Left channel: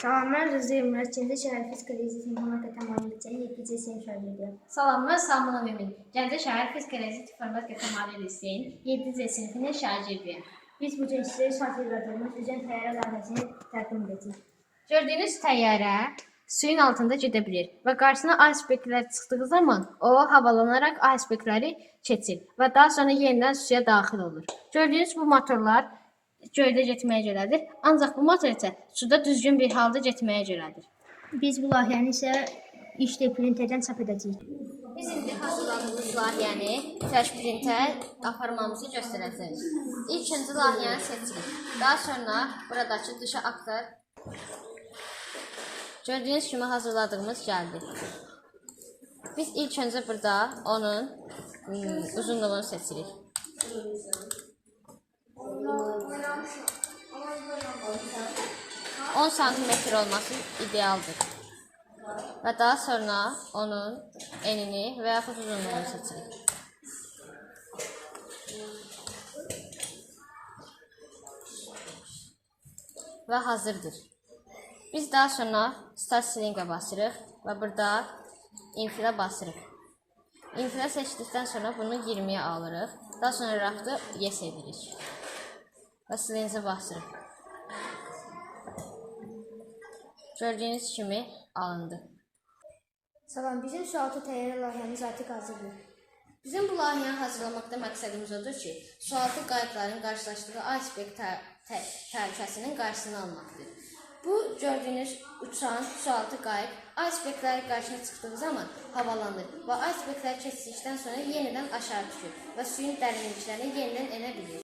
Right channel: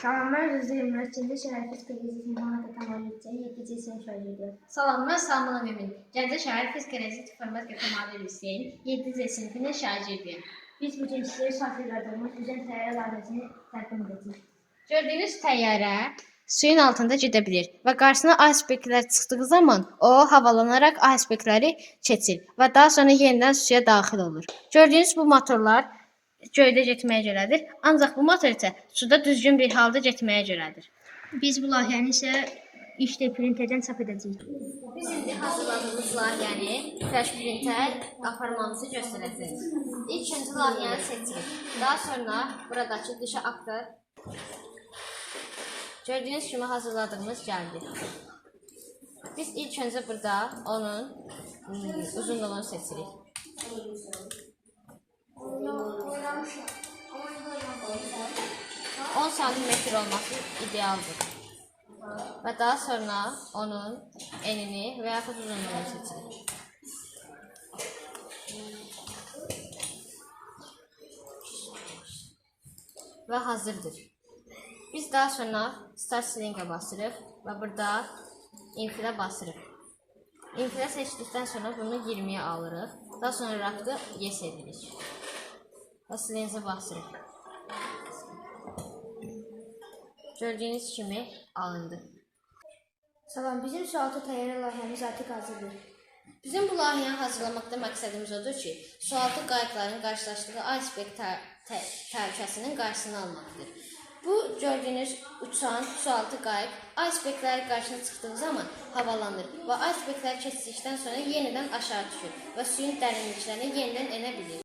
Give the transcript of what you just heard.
Salamlar Rıza. Çində Şərəfiz Kredisi Monaco tamamlayacaq 7 cəsini şarj ediyor. Salamlar Mümin. Gəncə şəhər Fizik Rezit Format Kəmalı Liseyin 7 C sinifinin şagirdiyim. Biz bugün sizə şarj edildiyimiz üzən təyyarə layihəsini təqdim edəcəyik. Gördüyünüz təyyarə suyun altında gedə bilir və qarşısına aspektlər çıxdığı zaman o havalanaraq aspektləri keçir və daha sonra yenidən suya daxil olur. Gördüyünüz bu motorlar göydə getməyə görədir, ancaq bu motor isə suda düzgün bir halda getməyə görədir. Biz bu layihəni isə 3D printerdən çap edəcəyik. Biz indi hazırladığımız layihəni flash printer aparmamızı göstərəcəyik. İlk öncə layihəni seçirik. Daha sonra buradakı dışa aktar Gördüyünüz kimi hazırladığımız gəldi. Biz ilk öncə burada onun hmm, uzunluğunu seçirik. 10 santimetr olması idealdır. Və daha sonra onun enini yaxud uzunluğunu seçirik. Və hazırdır. Biz daha sonra Start Sling'e basırıq və burada infilə basırıq. İnfilə seçdikdən sonra bunu 20-yə alırıq. Daha sonra raftı yes edirik. Və Sling'e basırıq. Gördüyünüz kimi alındı. Salam, bizim sualtı təyyarə layihəmiz artıq hazırdır. Bizim bu layihəni hazırlamaqda məqsədimiz odur ki, sualtı qayıqların qarşılaşdığı iceberg tə- tə- təhlükəsinin qarşısını almaqdır. Bu gördüyünüz uçan sualtı qayıq iceberglər qarşısına çıxdığı zaman havalanır və iceberglər keçdikdən sonra yenidən aşağı düşür və suyun dərinliklərinə yenidən enə bilir.